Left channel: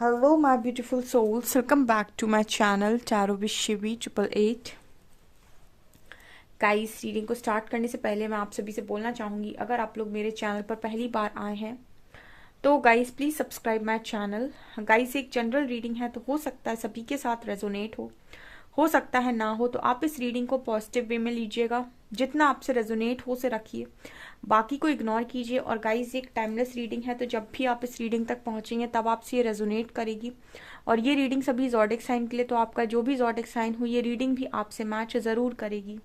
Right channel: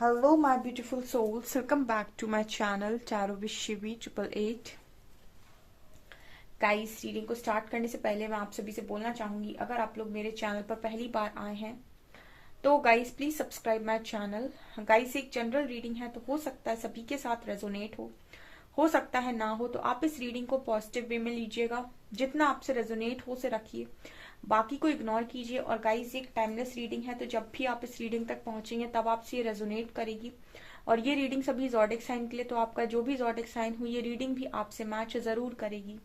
Hello, my beautiful souls. Welcome back to my channel Tarot with Shivi 888. Guys, reading को start करने से पहले मैं आप सभी से बोलना चाहूंगी, अगर आप लोग मेरे चैनल पर पहली बार आए हैं तो guys please subscribe my channel. Guys, एक जनरल रीडिंग है तो हो सकता है सभी के साथ रेजोनेट हो सकता है ना हो, तो आप इस रीडिंग को पॉजिटिव वे में लीजिएगा। जितना आपसे रेजोनेट हो उसे रखिए, बाकी को इग्नोर कीजिए। और गाइस, एक टाइमलेस रीडिंग है तो जब भी आप इस रीडिंग तक पहुंचेंगे तब आपसे ये रेजोनेट करेगी। और ये रीडिंग सभी ज़ोडिक साइन के लिए, तो आपका जो भी ज़ोडिक साइन हो ये रीडिंग भी आपसे मैच जरूर करेगी।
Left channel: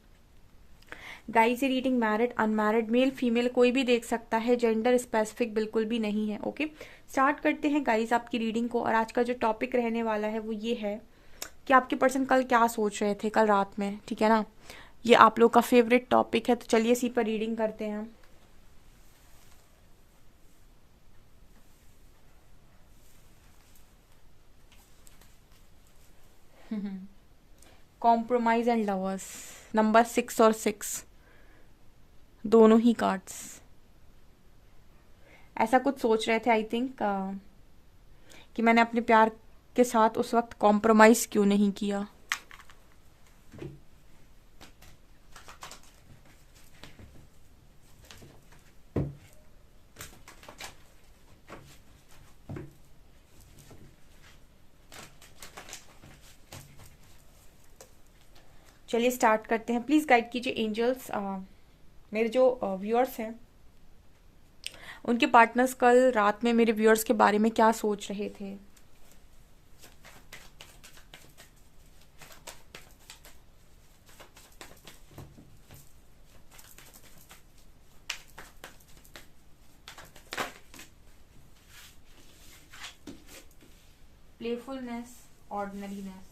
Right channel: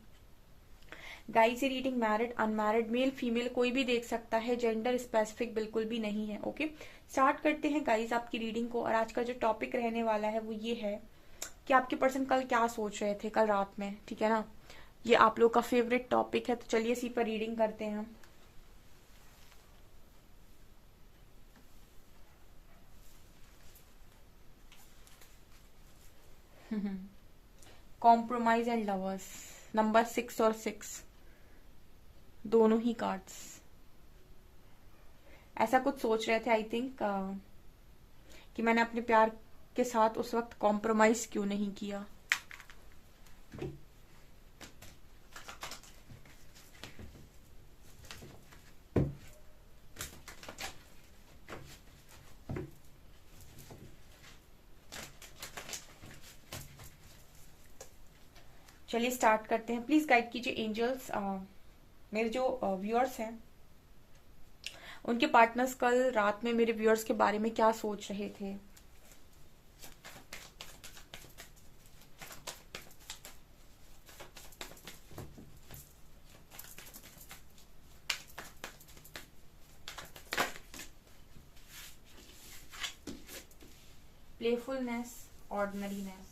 गाइस, ये reading married unmarried male female कोई भी देख सकता है, जेंडर स्पेसिफिक बिल्कुल भी नहीं है। ओके, स्टार्ट करते हैं गाइस आपकी रीडिंग को। और आज का जो टॉपिक रहने वाला है वो ये है कि आपके पर्सन कल क्या सोच रहे थे कल रात में, ठीक है ना। ये आप लोग का फेवरेट टॉपिक है, तो चलिए इसी पर रीडिंग करते हैं। कॉम्प्रोमाइज एंड लवर्स, नंबर 6 और 6 दोनों ही कार्ड्स ऐसा कुछ सोच रहे थे। आई थिंक कि मैंने अपने प्यार के साथ उस वक्त कॉम्प्रोमाइज क्यों नहीं किया। चलिए स्टार्ट करते हैं। प्लीज गाइड कीजिए एंजल्स, मेरे जो व्यूअर्स हैं उनके पार्टनर्स कल रात में मेरे व्यूअर्स के बारे में क्या सोच रहे थे। Playfulness, ordinariness,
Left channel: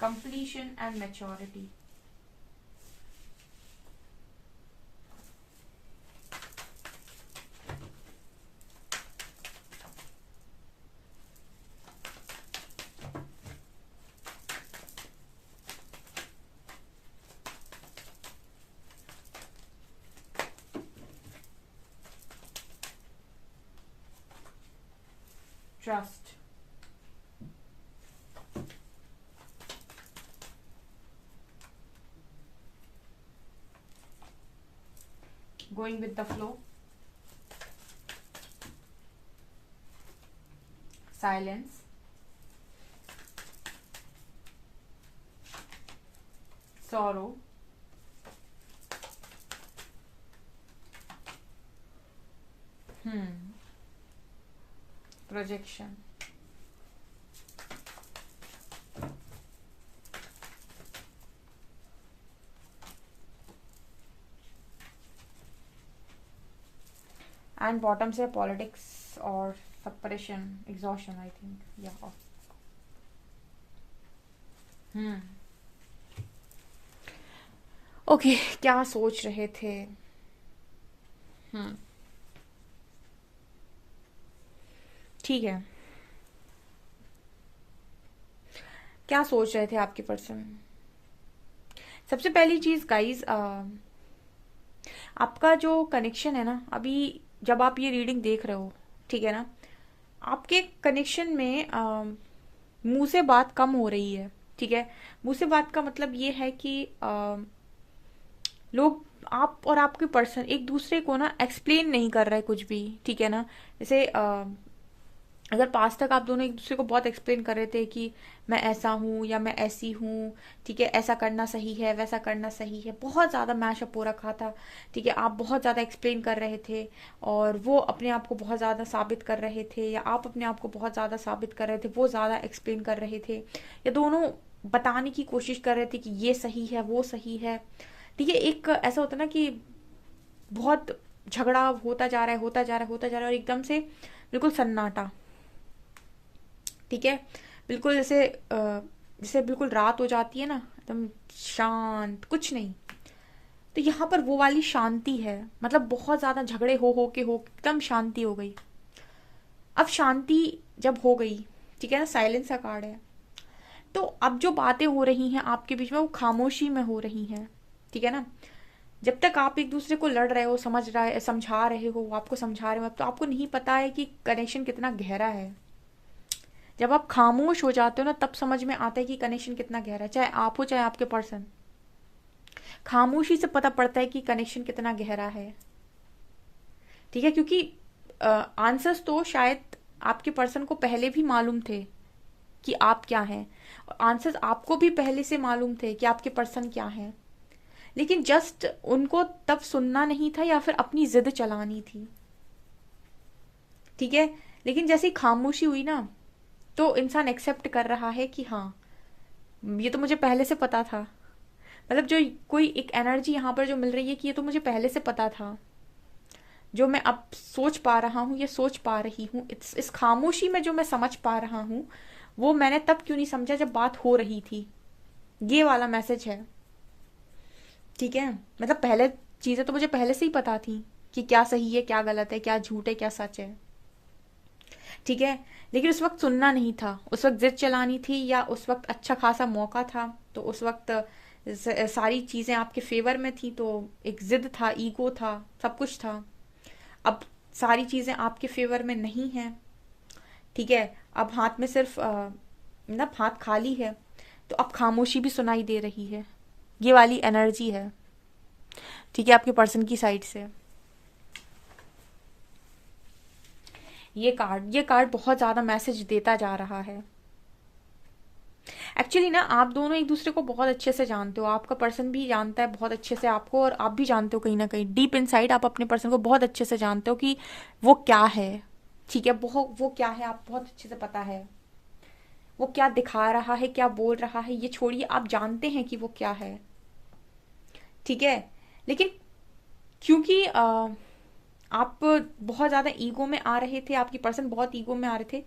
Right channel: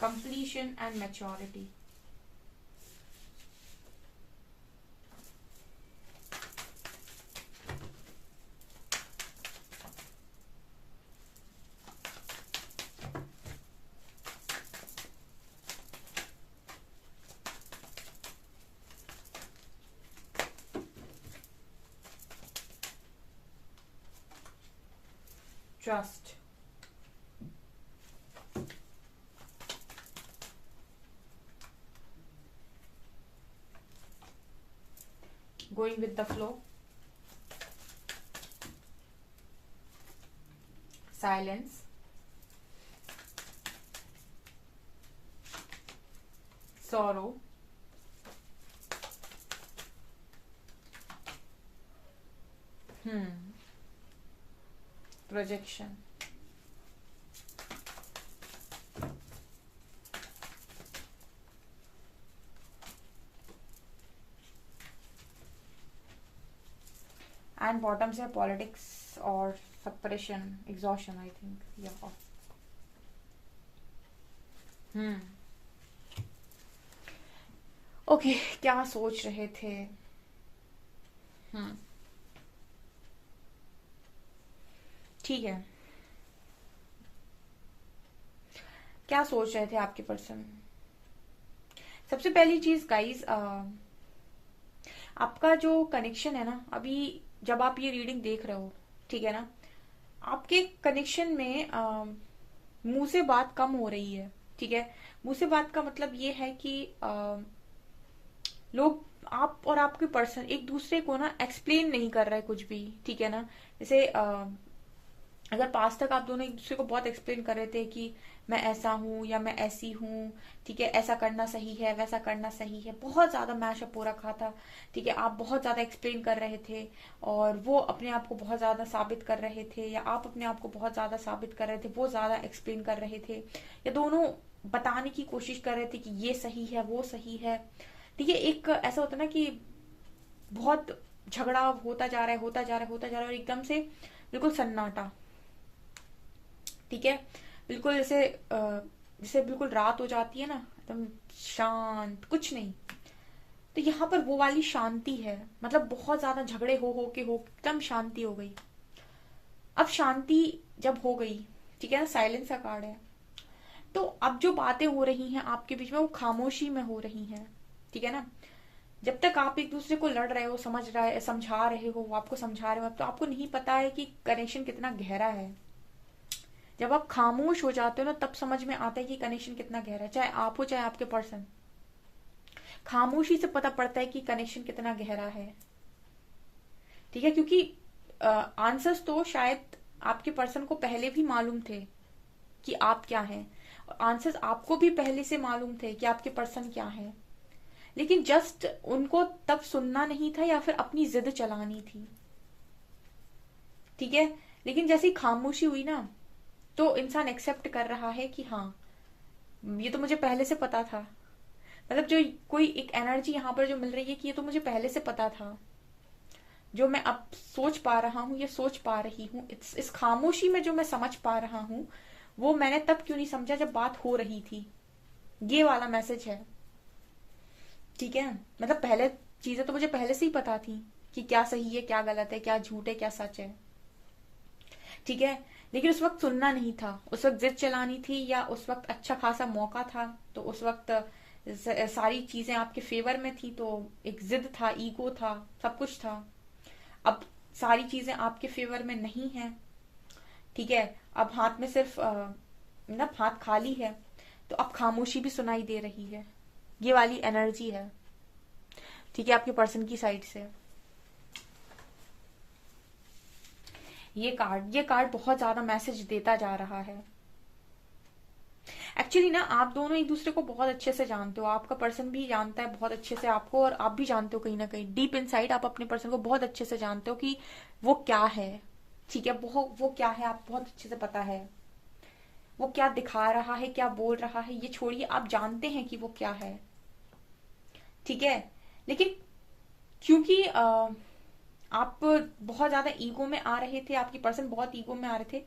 completion and maturity, trust, going with the flow, silence, sorrow, projection, and bottom से politics और separation, exhaustion, I think, yeah. Okay, क्या सोच रहे थे। ठीक है, क्या सोच रहे थे आपके पर्सन। सबसे पहली चीज गाइज, आपका जो कनेक्शन है ना, अभी जब आप ये रीडिंग देख रहे हो, ठीक है ना, आपके कनेक्शन में मुंह से बात कम हो रही है। ठीक है, मुंह से बात का मतलब ये है कि लोग, आप और आपके पर्सन एक दूसरे को ना एक्सप्लेन नहीं कर रहे कुछ भी, ठीक है ना। जैसे अगर पास तक आप दोनों एक दूसरे को बहुत एक्सप्लेन कर रहे थे कि मैं ऐसा हूँ या मैं ऐसी हूँ, ठीक है, ऐसा करना सही है वैसा करना सही है, बहुत ज्यादा मैशअप हो रखा था, ठीक है, आप बहुत ज्यादा एक्सप्लेन कर रहे थे और वो अपने आप को बहुत ज्यादा साबित कर रहे थे, या आप अपने आप को बहुत ज्यादा साबित कर रहे थे, वो ज्यादा एक्सप्लेन कर रहे थे, या दोनों बताने की कोशिश कर रहे थे कि ये सही है वो सही है। ठीक है, एक ऐसा होता है ना कि बहुत झगड़ा होता जा रहा है होता जा रहा है होता जा रहा है और एकदम से बिल्कुल सन्नाटा, ठीक है, बिल्कुल जैसे बिल्कुल रात हो जाती है ना, एकदम शांत, कुछ नहीं। तो यहाँ पर वो वाली शांति है, मतलब बहुत ज्यादा झगड़े हो एकदम शांति हो गई। अब शांति जब हो गई, ठीक है ना, साइलेंस का कार्ड है, तो अब जो बातें हो रही हैं आपके बीच में वो खामोशी में हो रही हैं, ठीक है ना। जब तक आप एक दूसरे को लड़ रहे हो, समझा रहे हो, आपको समझा रहे हो, तो आपको नहीं पता है कि कनेक्शन कितना गहरा है। जब आप खामोश हो जाते हो ना, तब समझ में आता है कि कनेक्शन कितना गहरा है, चाहे आप हो चाहे आपके पर्सन। खामोशी से पता पड़ता है कि कनेक्शन कितना गहरा है, ठीक है। क्योंकि आंसर्स तो शायद आपके पर्सन को पहले भी मालूम थे कि आप क्या हैं, और आंसर्स आपको भी पहले से मालूम थे कि आपके पर्सन क्या हैं, लेकिन जस्ट उनको तब सुनना नहीं था या फिर अपनी जिद चलानी थी, ठीक है। लेकिन जैसे खामोशी हुई ना, तो इंसान एक्सेप्ट कर रहा है कि हाँ, ये तो मुझे पहले से पता था। मतलब जो कोई एक एनर्जी यहाँ पर जो मिल रही है कि ये तो मुझे पहले से पता था, जो मैं अब सोच पा रहा हूँ, ये सोच पा रही हूँ, इस खामोशी में जो मैं समझ पा रहा हूँ, वो मैंने तब क्यों नहीं समझा जब बात हो रही थी। ये वाला मैसेज है, ठीक है। मतलब पहले चीजें तो मुझे पहले से ही पता थी कि क्या सही है, क्या गलत है, क्या झूठ है, क्या सच है, ठीक है। लेकिन उस वक्त सुनना नहीं था, उस वक्त जिद चलानी थी, या उस वक्त अच्छा खासा मौका था, तो उस वक्त सारी चीजें आपके फेवर में थी, तो एक जिद था, ईगो था, सब कुछ था। अब सारी चीजें आपके फेवर में नहीं है, ठीक है। अब हाथ में सिर्फ मतलब हाथ खाली है, तो अब खामोशी भी सुनाई दे रही है। ये वाली एनर्जी है, ठीक है, आपके पर्सन की साइड से। ये कार्ड बहुत ज्यादा मैसेज देता जा रहा है। एक्चुअली ना, आप दोनों एक दूसरे को बहुत अच्छे से जानते हो, आपका पर्सन भी जानता है बहुत अच्छे से आपको, और आप भी जानते हो कहीं ना कहीं डीप इनसाइड आप अपने पर्सन को बहुत अच्छे से जानते हो कि वो क्या है, ठीक है। वो क्या है, आप बहुत अच्छे से पता है। वो क्या दिखा रहा है, क्या बोल रहा है, ये छोड़िए, आप जानते हैं कि वो क्या है, ठीक है। लेकिन क्योंकि आप बहुत ज्यादा ईगो में आ रहे थे, आपकी पर्सन बहुत ईगो में आ रहे थे,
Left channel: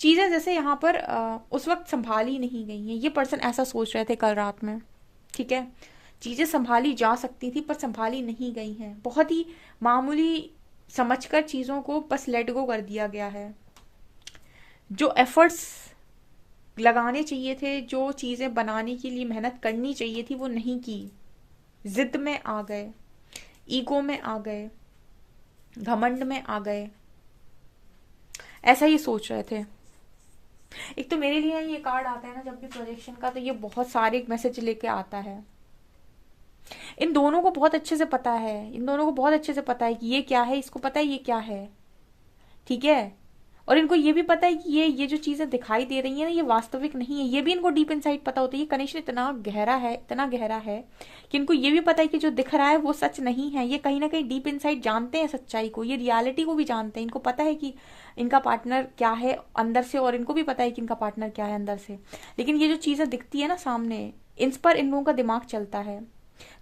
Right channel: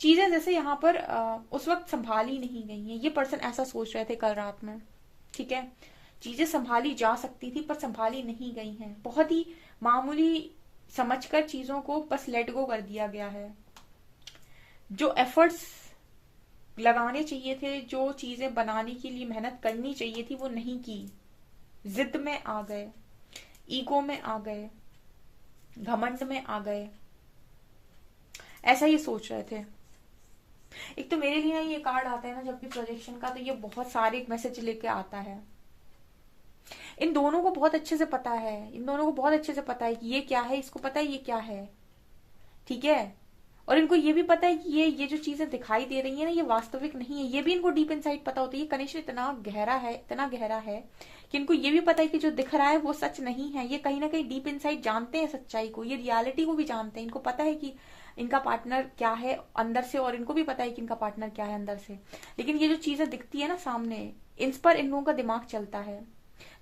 चीजें जैसे यहाँ पर उस वक्त संभाली नहीं गई हैं। ये पर्सन ऐसा सोच रहे थे कल रात में, ठीक है। चीजें संभाली जा सकती थी पर संभाली नहीं गई हैं, बहुत ही मामूली समझकर चीजों को बस लेट गो कर दिया गया है। जो एफर्ट्स लगाने चाहिए थे, जो चीजें बनाने के लिए मेहनत करनी चाहिए थी, वो नहीं की। जिद में आ गए, ईगो में आ गए, घमंड में आ गए, ऐसा ही सोच रहे थे। एक तो मेरे लिए ये कार्ड आता है ना जब भी प्रोजेक्शन का, तो ये बहुत सारे मैसेज लेके आता है। इन दोनों को बहुत अच्छे से पता है, इन दोनों को बहुत अच्छे से पता है कि ये क्या है, इसको पता है ये क्या है, ठीक है। और इनको ये भी पता है कि ये जो चीजें दिखाई दे रही है ना, ये वास्तविक नहीं है। ये भी इनको डीप इनसाइड पता होता है। ये कनेक्शन इतना गहरा है, इतना गहरा है कि इनको ये भी पता है कि जो दिख रहा है वो सच नहीं है। ये कहीं ना कहीं डीप इनसाइड जानते हैं सच्चाई को, ये रियलिटी को भी जानते हैं। इनको पता है कि इनका पार्टनर क्या है अंदर से, और इनको भी पता है कि इनका पार्टनर क्या है अंदर से। लेकिन ये जो चीजें दिखती है ना सामने, इन पर इन लोगों का दिमाग चलता है।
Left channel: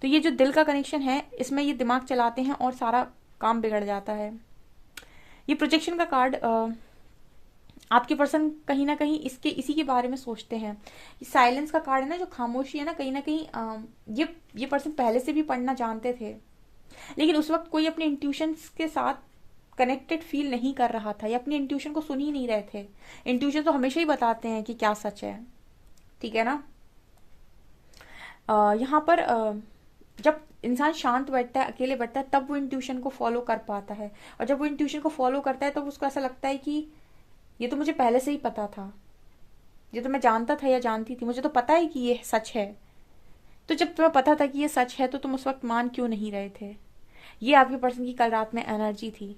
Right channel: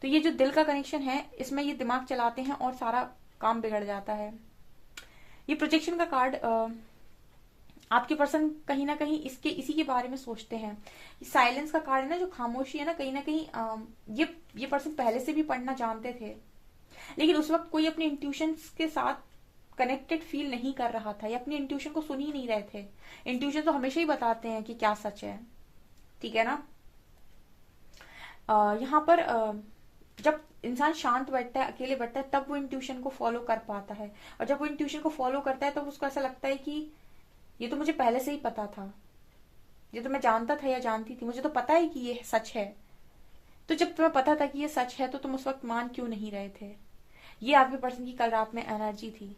तो ये जो दिल का कनेक्शन है, इसमें ये दिमाग चलाते हैं और सारा काम बिगड़ जाता है। ये प्रोजेक्शन का कार्ड, आपके पर्सन कहीं ना कहीं इसी के बारे में सोचते हैं। साइलेंस का कार्ड है ना, जो खामोशी है ना, कहीं ना कहीं ये पर्सन पहले से भी पढ़ना जानते थे, लेकिन उस वक्त कोई अपने इंट्यूशन के साथ कनेक्टेड फील नहीं कर रहा था, या अपनी इंट्यूशन को सुन ही नहीं रहे थे। इंट्यूशन तो हमेशा ही बताते हैं कि क्या सच है, ठीक है ना। यहाँ पर जब इंसान शांत बैठता है, अकेले बैठता है, तब वो इंट्यूशन को फॉलो कर पाता है। और जब वो इंट्यूशन को फॉलो करता है, तो उसको ऐसा लगता है कि ये तो मुझे पहले से ही पता था, ये तो मैं जानता था या जानती थी, मुझे तो पता है कि ये सच है। तो जब तुम्हें पता था कि ये सच है, तो तुम उस वक्त मान क्यों नहीं रहे थे। ये आपके पर्सन की कल रात में एनर्जी थी।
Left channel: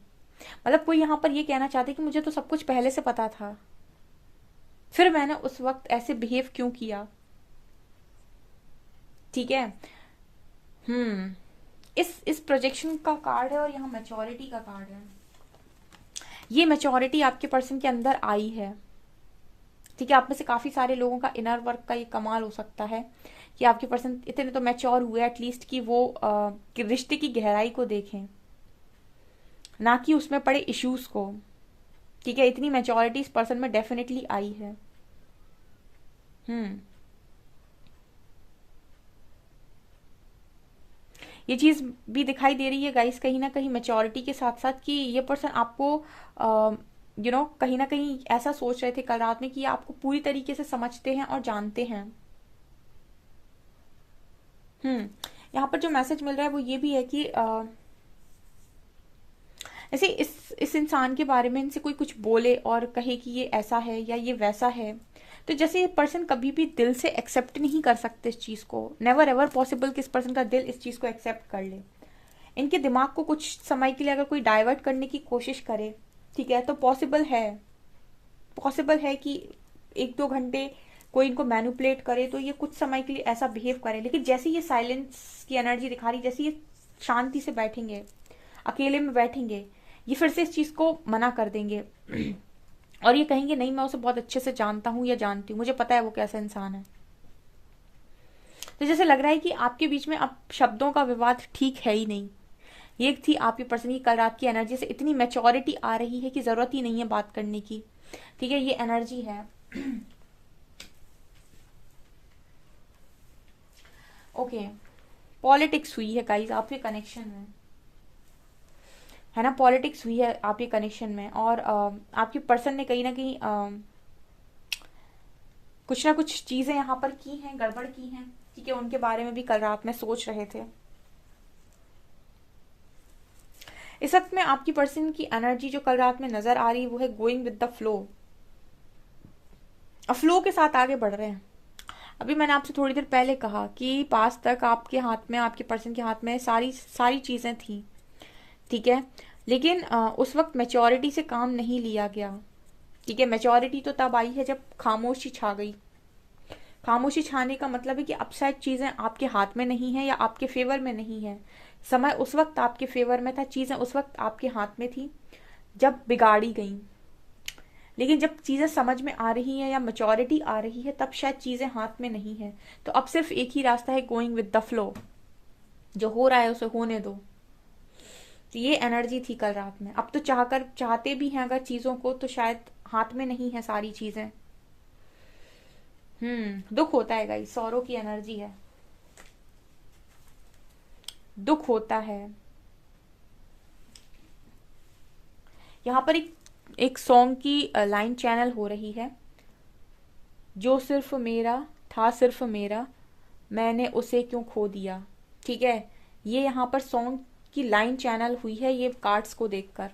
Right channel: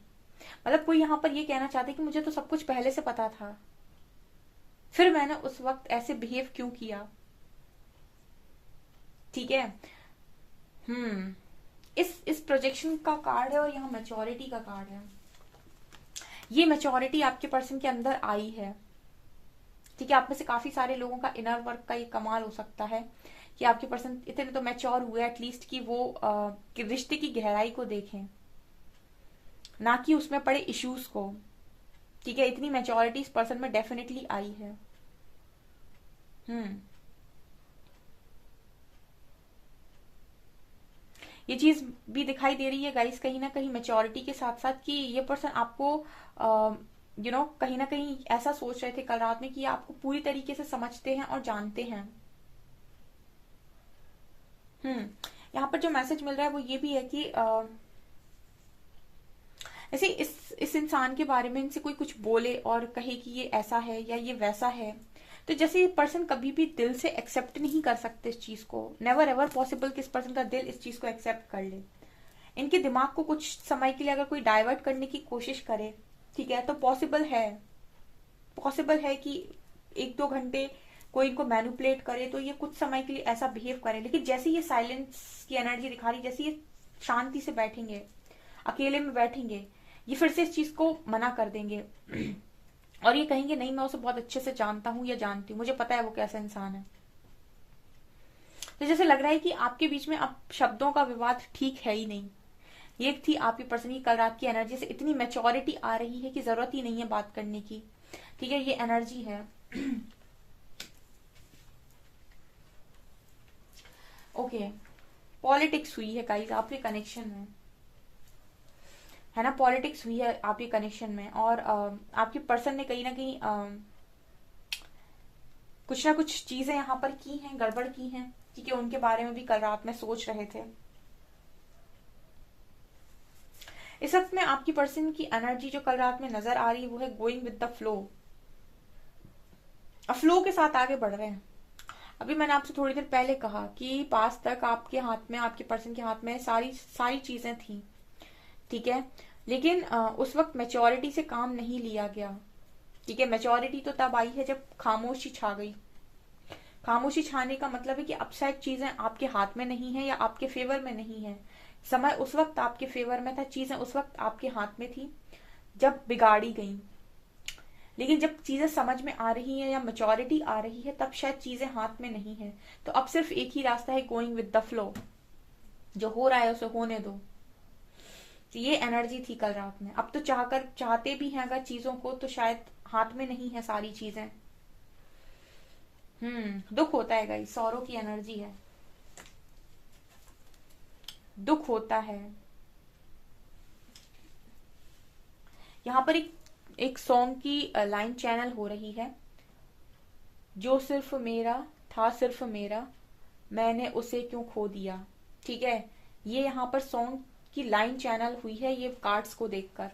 मतलब कोई यहाँ पर ये कहना चाहते कि मुझे तो सब कुछ पहले से पता था, फिर मैंने उस वक्त ऐसे बिहेव क्यों किया, ठीक है। हम्म इस प्रोजेक्शन का कार्ड है, और यहाँ मैच्योरिटी का कार्ड है। ये मैच्योरिटी आपके पर्सन के अंदर आई है, ठीक है। आप में से काफी सारे लोगों का इनर वर्क का ये कमाल हो सकता है कि आपके पर्सन इतने तो मैच्योर हुए एटलीस्ट कि वो कि रिश्ते की गहराई को देखें, ना कि उसमें पड़े इश्यूज को, ठीक है। इतनी मैच्योरिटी इस पर्सन में डेफिनेटली आई है। हम्म ये चीज भी दिखाई दे रही है गाइस, कहीं ना कहीं मैच्योरिटी के साथ साथ कि ये पर्सन आपको कहीं ना कहीं ऐसा सोच रहे थे कल रात में कि ये आपको पूरी तरीके से समझते हैं और जानते हैं। यहाँ पर जो मैसेज मिल रहा है वो ये भी है कि ऐसे इस इंसान के बारे में इनसे कोई कुछ बोले और कहे कि ये ऐसा है या ये वैसा है, तो जैसे ये पर्सन कभी भी दिल से एक्सेप्ट नहीं कर सकते इस चीज को। नेवर एवर पॉसिबल कि इस पर्सन का दिल इस चीज को एक्सेप्ट कर ले। इनके दिमाग को कुछ समय के लिए अगर कोई डाइवर्ट करने की कोशिश करे, ठीक है, तो पॉसिबल है कि 1-2 घंटे कोई इनको मैनिपुलेट करे तो ये कुछ समय के लिए ऐसा बिहेव करे, लेकिन जैसे ये साइलेंस की एनर्जी दिखा रही, जैसे ये शांति से बैठेंगे, अकेले में बैठेंगे, ये फिर से इस चीज को मना कर देंगे और ये कहेंगे नहीं, मैं उसे बहुत अच्छे से जानता हूं या जानती हूँ, मुझे पता है वो कैसा इंसान है। तो जैसे लग रहा है कि आपके बीच में अब शब्दों का विवाद ठीक है ही नहीं। ये थी आपकी पर्सन की कल रात की एनर्जी से इतनी मैच्योरिटी आ रही है कि जरूरत ही नहीं है बात करने की। ठीक है, ये एनर्जी है। ओके, पॉलिटिक्स हुई है गाइस आपके कनेक्शन में, है ना। पॉलिटिक्स हुई है आपके कनेक्शन में और आपके पर्सन ने कहीं ना कहीं कुछ ना कुछ चीजें यहाँ पर की हैं, गड़बड़ की हैं। ठीक है, उनके बारे में भी कल रात में सोच रहे थे। इस वक्त में आपकी पर्सन की एनर्जी जो कल रात में नजर आ रही है वो है गोइंग विद द फ्लो, और फ्लो के साथ आगे बढ़ रहे हैं। अभी मैंने आपसे थोड़ी देर पहले कहा कि पास तक आपके हाथ में, आपके पर्सन के हाथ में सारी चीजें थी, ठीक है, लेकिन उस वक्त मेच्योरिटी से काम नहीं लिया गया। ठीक है, मेच्योरिटी तो तब आई है जब खामोशी छा गई। खामोशी छाने का मतलब है कि अब शायद चीजें आपके हाथ में नहीं है या आपके फेवर में नहीं है। समय उस वक्त आपके फेवर में था, चीजें उस वक्त आपके हाथ में थी जब बिगाड़ी गई, लेकिन जब चीजें समझ में आ रही हैं या मेच्योरिटी आ रही है तब शायद चीजें हाथ में नहीं है। तो अब सिर्फ एक ही रास्ता है, गोइंग विद द फ्लो। जो हो रहा है उसे होने दो। तो ये एनर्जी थी कल रात में। अब तो चाहते भी हैं अगर चीजों को, तो शायद हाथ में नहीं है सारी चीजें। दुख होता है गाइस, सौरों की एनर्जी है, दुख होता है। यहाँ पर एक सॉन्ग की लाइन चैनल हो रही है, जो सिर्फ मेरा था, सिर्फ मेरा, मैंने उसे क्यों खो दिया। ठीक है, ये यहाँ पर सॉन्ग की लाइन चैनल हुई है ये कार्ड्स को देखकर।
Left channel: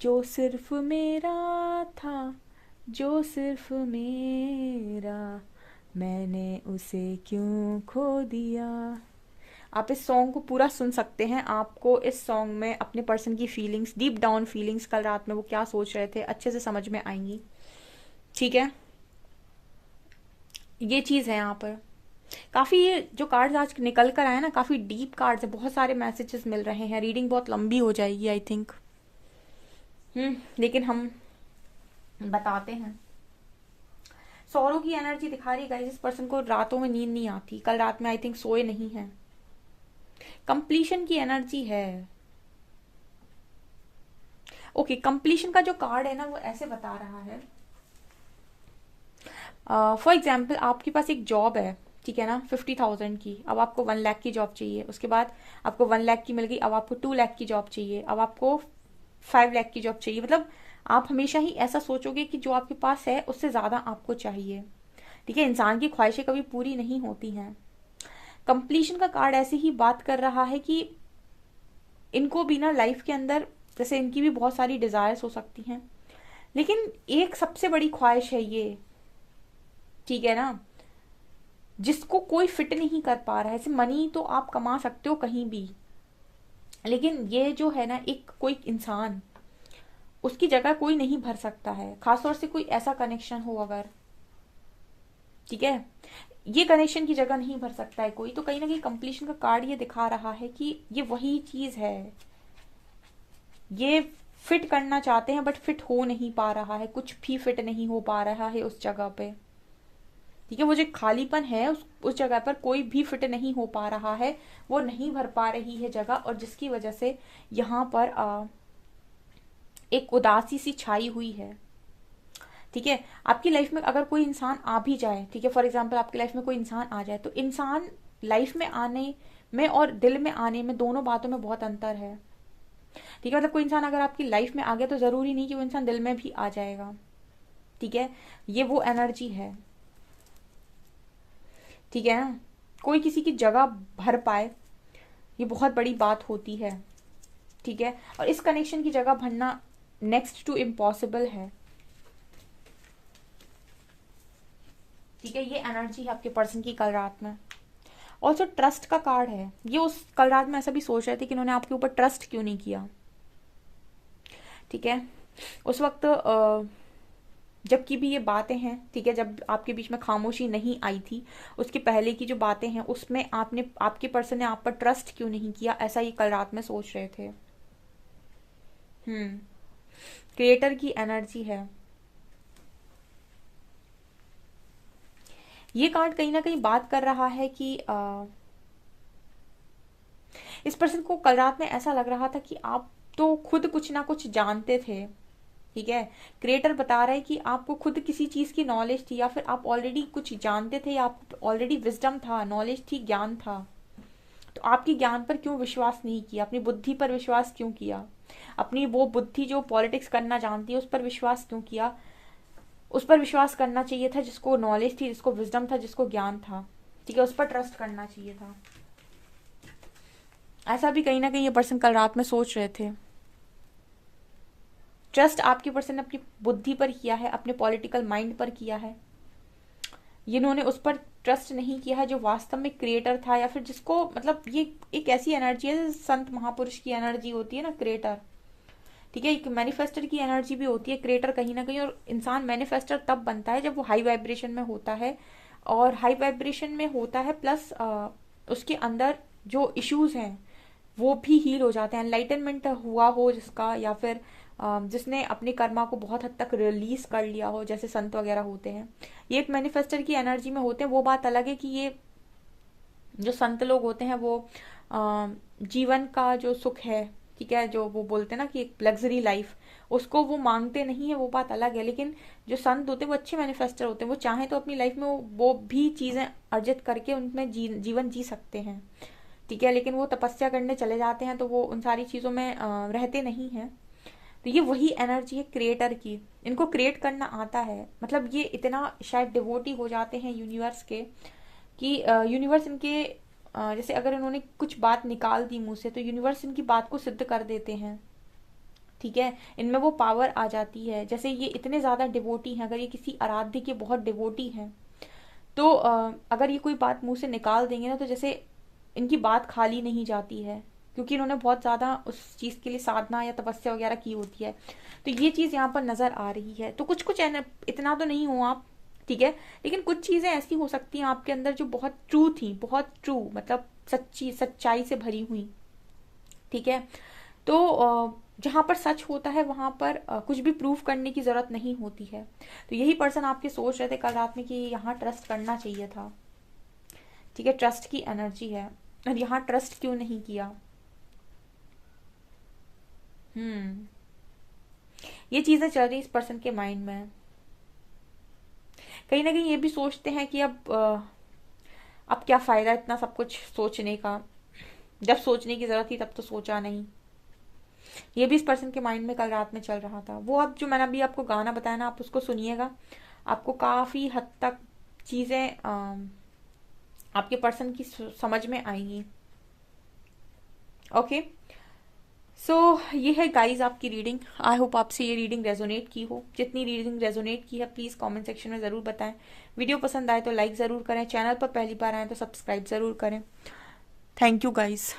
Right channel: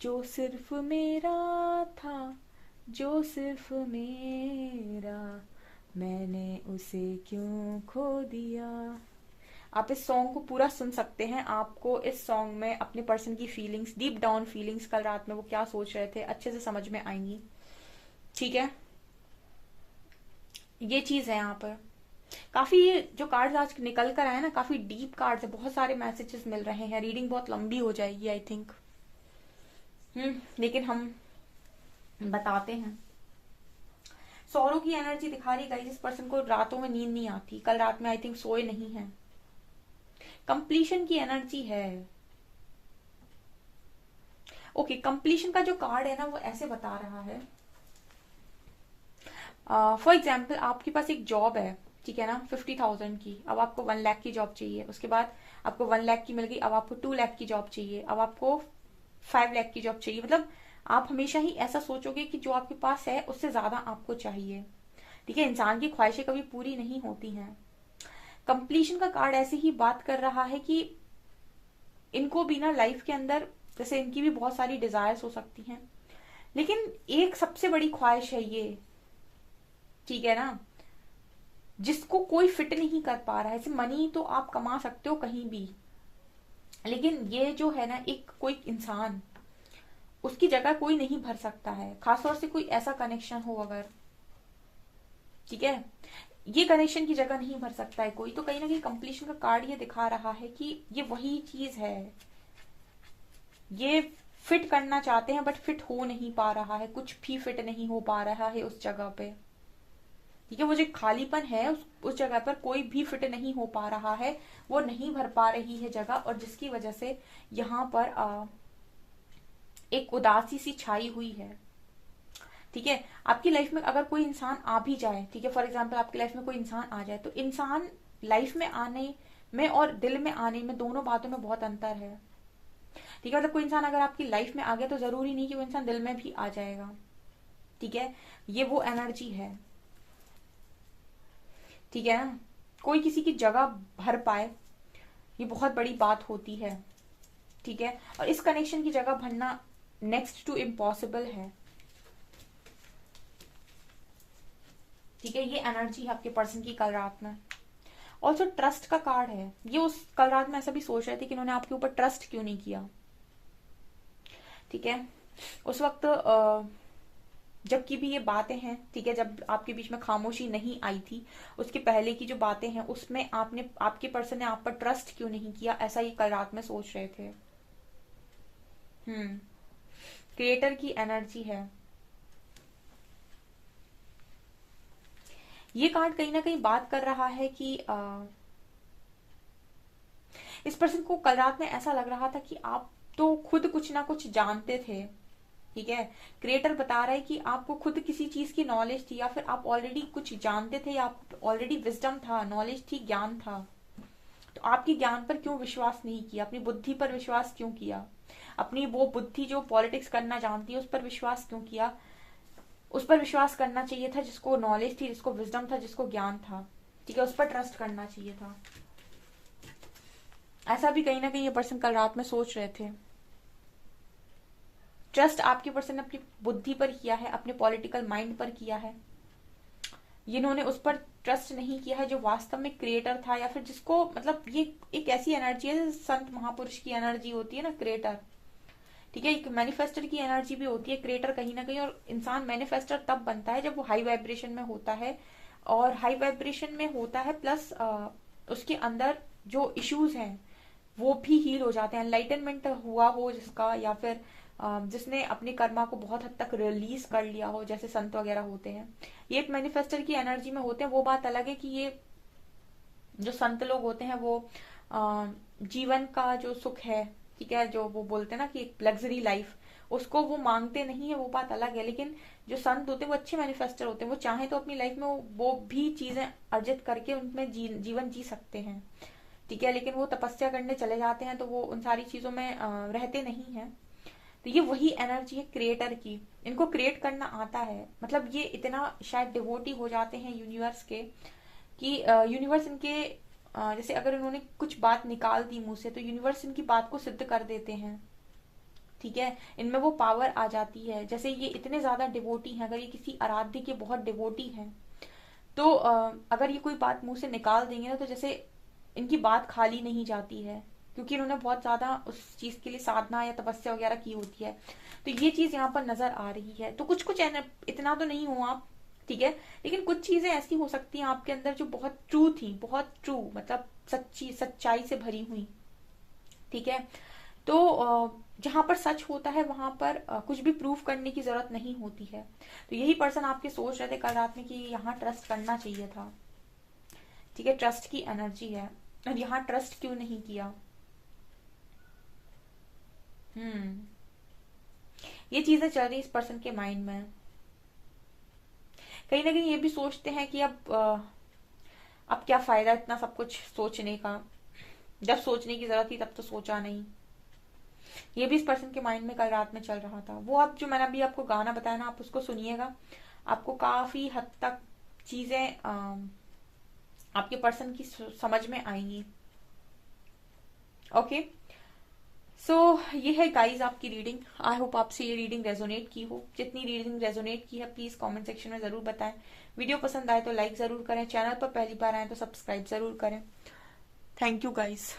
जो सिर्फ मेरा था, जो सिर्फ मेरा, मैंने उसे क्यों खो दिया। आप इस सॉन्ग को पूरा सुन सकते हैं। आपको इस सॉन्ग में अपने पर्सन की फीलिंग्स, डीप डाउन फीलिंग्स, कल रात में वो क्या सोच रहे थे, अच्छे से समझ में आएंगी। ठीक है, ये चीज है यहाँ पर। काफी ये जो कार्ड्स आज निकल कर आए ना, काफी डीप कार्ड्स है, बहुत सारे मैसेजेस मिल रहे हैं। रीडिंग बहुत लंबी हो जाएगी आई थिंक, लेकिन हम बताते हैं। सौरों की एनर्जी दिखा रही है, इस पर्सन को रातों में नींद नहीं आती, कल रात में आई थिंक सोए नहीं है। कंप्लीशन की एनर्जी है। ओके, कंप्लीशन का जो कार्ड है ना वो ऐसे बता रहा है, फॉर एग्जाम्पल आपके पास एक जॉब है, ठीक है ना, 50,000 की, अब आपको 1 लाख की जॉब चाहिए। उसके बाद आपको 1 लाख की मिल गई, अब आपको 2 लाख की जॉब चाहिए, अब आपको 5 लाख की जॉब चाहिए। मतलब आप हमेशा ही ऐसा सोचोगे कि जो आपके पास है उससे ज्यादा आपको चाहिए। ठीक है, इंसान की ख्वाहिशें कभी पूरी नहीं होती हैं। कंप्लीशन का कार्ड ऐसे ही बात कर रहा है कि इनको भी ना लाइफ के अंदर, जैसे इनकी भी बहुत सारी डिजायर्स हो सकती हैं, लेकिन एक सबसे बड़ी ख्वाहिश है ये, ठीक है ना, जिसको कोई फिट नहीं कर पा रहा है। जैसे मनी तो आप कमा सकते हो कहीं भी, लेकिन ये जो है ना, एक कोई इंसान, उसकी जगह कोई नहीं भर सकता है, खासतौर से कोई ऐसा कनेक्शन हो अगर, ठीक है, ये कनेक्शन की जगह नहीं भर सकता है कोई। तो कहीं ना कहीं कंप्लीशन का कार्ड ये दिखा रहा है कि ये वही चीज है, ये फिट करना चाहते हैं बट फिट हो नहीं पा रहा है, कुछ भी फिट नहीं हो पा रहा है उस जगह पे। ठीक है, वो जो खालीपन है उस जगह पर कोई भी फिट नहीं हो पा रहा है, वो नहीं भर पा रही है जगह, और जिसकी वजह से यहाँ पर एक उदासी सी छाई हुई है। ठीक है, आपकी लाइफ में अगर कोई इंसान आ भी जाए, ठीक है, फॉर एग्जाम्पल आपकी लाइफ में कोई इंसान आ जाए, तो इंसान लाइफ में आने में और दिल में आने में, दोनों बातों में बहुत अंतर है। ठीक है, मतलब कोई इंसान अगर आपकी लाइफ में आ गया तो जरूरी नहीं कि वो इंसान दिल में भी आ जाएगा। ठीक है, ये वो एनर्जी है। ठीक है ना, कोई किसी की जगह भर पाए, ये बहुत बड़ी बात होती है। ठीक है, और इस कनेक्शन की जगह भरना नेक्स्ट टू इम्पॉसिबल है। ठीक है, ये एनर्जी है आपके पर्सन की कल रात में। ऑल्सो ट्रस्ट का कार्ड है, ये उस कल रात में ऐसा भी सोच रहे थे कि इन्होंने आपके ऊपर ट्रस्ट क्यों नहीं किया। ठीक है, उस वक्त जबकि भी ये बातें हैं, ठीक है, जब आपके बीच में खामोशी नहीं आई थी, उसके पहले की जो बातें हैं उसमें आपने, आपके पर्सन ने आप पर ट्रस्ट क्यों नहीं किया, ऐसा ये कल रात में सोच रहे थे। क्रिएटर की एनर्जी है। ये कार्ड कहीं ना कहीं बात कर रहा है कि इस पर्सन को कल रात में ऐसा लग रहा था कि आप तो खुद कुछ ना कुछ जानते थे। ठीक है, क्रिएटर बता रहे हैं कि आपको खुद किसी चीज की नॉलेज थी, या फिर आप ऑलरेडी कुछ जानते थे, या आप ऑलरेडी विजडम था, नॉलेज थी, ज्ञान था। तो आपके ज्ञान पर क्यों विश्वास नहीं किया, अपनी बुद्धि पर विश्वास क्यों किया, अपनी वो बुद्धि जो पॉलिटिक्स करना जानती है उस पर विश्वास क्यों किया। उस पर विश्वास करना चाहिए था जिसको नॉलेज थी, जिसको विजडम था, जिसको ज्ञान था। ठीक है, उस पर ट्रस्ट करना चाहिए था। ऐसा भी कहीं ना कहीं ये पर्सन कल रात में सोच रहे थे। ट्रस्ट आपके पर्सन ने अपनी बुद्धि पर किया है, अपने पॉलिटिकल माइंड पर किया है। इन्होंने उस पर ट्रस्ट नहीं किया है जो वास्तव में क्रिएटर था, या फिर जिसको, मतलब ये एक ऐसी एनर्जी है, संत महापुरुष की एनर्जी होती है ना क्रिएटर। ठीक है, एक मैनिफेस्टर की एनर्जी भी होती है क्रिएटर कहीं ना कहीं। और इंसान मैनिफेस्टर तब बनता है जब वो हाई वाइब्रेशन में होता है, और हाई वाइब्रेशन में होता है प्लस उसके अंदर जो इश्यूज हैं वो भी हील हो जाते हैं। एनलाइटनमेंट हुआ हो जिसका, या फिर जिसने अपने कर्मा को बहुत हद तक रिलीज कर लिया हो, जैसे संत वगैरह होते हैं, ये एक मैनिफेस्टर की एनर्जी में होते हैं। वो बात अलग है कि ये जो संत लोग होते हैं वो जीवन का जो सुख है, ठीक है, जो वो बोलते हैं ना कि एक लग्जरी लाइफ, उसको वो मांगते नहीं है, वो बात अलग है। लेकिन जो संत होते हैं वो अच्छे मैनिफेस्टर होते हैं, वो चाहे तो अपनी लाइफ में वो भी चीजें अर्जित करके उनमें जीवन जी सकते हैं। ठीक है, लेकिन वो तपस्या करने चले जाते हैं तो वो उन सारी चीजों में रहते नहीं हैं। तो ये वही एनर्जी है क्रिएटर की। इनको क्रिएट करना आता है, मतलब ये इतना शायद डिवोटी हो जाते हैं यूनिवर्स के कि यूनिवर्स इनके जैसे अगर उन्होंने कुछ बात निकाल दी मुंह से तो यूनिवर्स इनकी बात को सिद्ध कर देते हैं। ठीक है, इनमें वो पावर आ जाती है। जैसे ये इतने ज्यादा डिवोटी हैं, अगर ये किसी आराध्य के बहुत डिवोटी हैं तो अगर ये कोई बात मुंह से निकाल देंगे ना, तो जैसे इनकी बात खाली नहीं जाती है, क्योंकि इन्होंने बहुत ज्यादा उस चीज के लिए साधना या तपस्या वगैरह की होती है। तो ये चीज यहाँ पर नजर आ रही है। तो कुछ कुछ इतना तो नहीं हो आप, ठीक है, लेकिन कुछ चीजें ऐसी हो सकती हैं आपके अंदर जो बहुत ट्रू थी, बहुत ट्रू, मतलब सच्ची, सच्चाई से भरी हुई। ठीक है, तो जहां पर सच होता है वहां पर कुछ भी प्रूफ करने की जरूरत नहीं होती है। तो यही पर्सन आपके सोच रहे थे कल रात में कि यहाँ ट्रस्ट करना चाहिए था। ठीक है, ट्रस्ट की एनर्जी है, और यहाँ ट्रस्ट क्यों नहीं किया। ये चीजें चल रही इस पर्सन के माइंड में। कहीं ना कहीं ये भी सोचते हैं कि अब क्या फायदा इतना सब कुछ सोचने का, जब सोचने की जरूरत थी तब तो सोचा नहीं। ये भी इस पर्सन के माइंड में कल रात में चल रहा था। वो अब जो मैंने अभी आपको गाना बताया ना, आप उसको सुनिएगा, आपको काफी हद तक चीजें आपके पर्सन की समझ में आएंगी। ओके, सो ये है गाइज आपकी रीडिंग। आई होप आपसे ये रीडिंग रेजोनेट की हो। जितनी रीडिंग रेजोनेट की है प्लीज कमेंट सेक्शन में जरूर बताएं। वीडियो पसंद आए तो लाइक जरूर करें, चैनल पर पहली बार आए तो सब्सक्राइब जरूर करें। Thank you guys.